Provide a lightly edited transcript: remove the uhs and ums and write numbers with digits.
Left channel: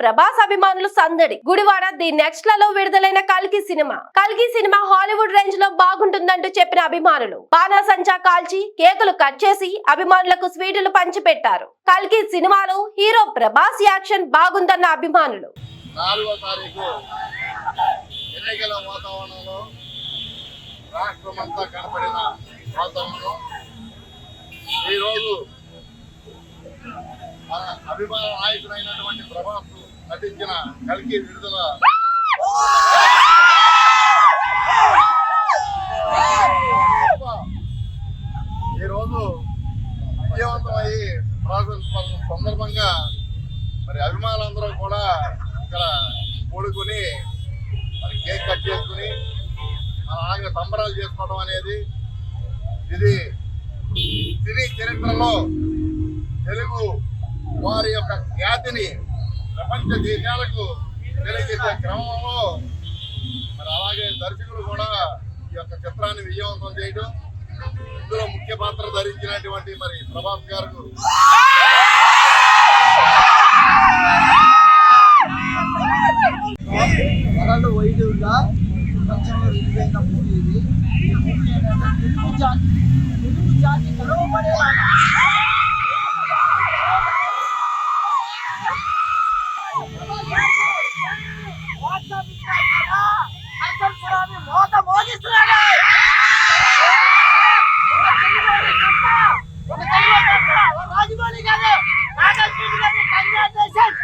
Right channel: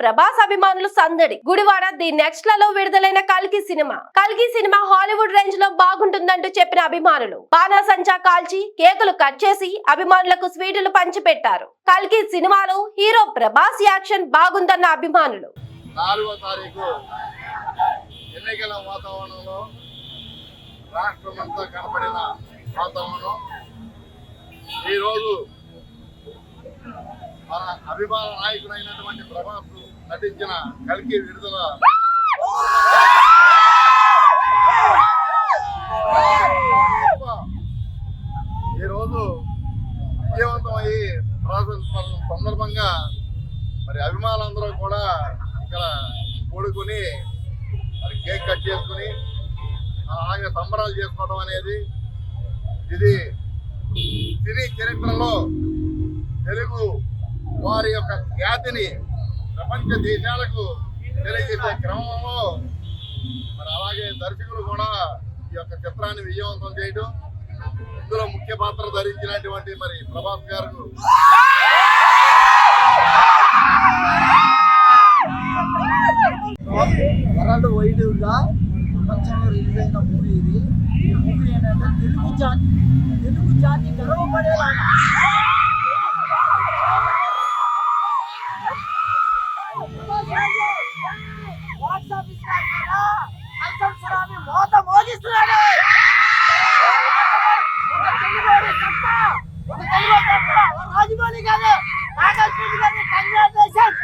ప్రభాస్ అభిమానులు సందడి. Gudivada the next లలో విడుదలైన కల్కి సినిమా హాలీవుడ్ రేంజ్ లో బాగుంటుందంటూ చెప్పిన అభిమానులు బాణాసంచా కాల్చి కేకులు కట్ చేసి అభిమానులకు స్వీటులు పంచిపెట్టారు. కల్కి సినిమాలో హీరో ప్రభాస్ యాక్షన్ బాగుందన్న అభిమానులు 4వ తారీఖు ఎన్నికల వాతావరణంలో రాష్ట్రమంతా కనపడిన వాతావరణం ఈరోజు మన అభిమాన నాయకుడైనటువంటి ప్రభాస్ నటించిన కల్కి విడుదల ఈరోజు విజయవంతమయ్యి ప్రాసెస్ సందర్భంగా మరి అభిమానులందరూ కూడా ఇక్కడ కూడుకుని మరి కేక్ కట్ చేసుకుని అలాగే సంబరాలు చేసుకోవడం అనేది ఇది సినీ చరిత్రలో తెలుగు వారి యొక్క ఖ్యాతిని ప్రపంచ దేశాలకు తెలియజేసే క్రమంలో మరి అలాగే దర్శకులు కూడా ఈ యొక్క చిత్రాన్ని విజయవంతం చేయడం, ఇందులో ముఖ్య పాత్ర ధరించినటువంటి మరి ప్రభాస్ గారు వరల్డ్ వైడ్గా ప్రపంచంలో రిలీజ్ అయిన మూవీ ఇది. ఈ మూవీ ఏంటంటే తెలుగు జాతి గర్వపడేలాగా మోత మోగిస్తున్నాడు. రాజమౌళి గారు కంగ్రాచులేషన్.